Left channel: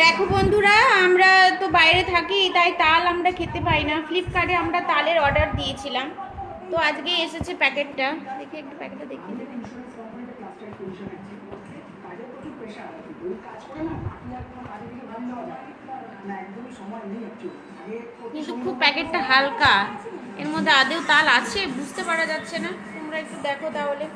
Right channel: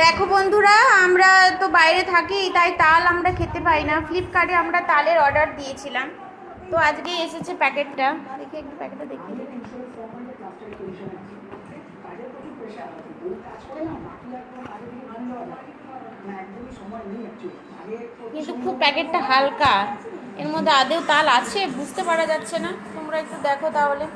দেখো বন্ধুরা, আমরা তো বাইরে থাকি, তাই তাল আমরা খেতে পাই না। ফ্লিপকার্টে আমরা তালের অর্ডার দিয়েছিলাম, তো আজকে এসেছে প্যাকেটটা। দেখি একটু প্যাকেটটা দেখিয়ে দেবেন। কিন্তু খুব প্যাকেটটা হালকা, এর মধ্যে আদেও তাল আছে বুঝতে পারা যাচ্ছে না। তোমরা একটু দেখো তাহলে।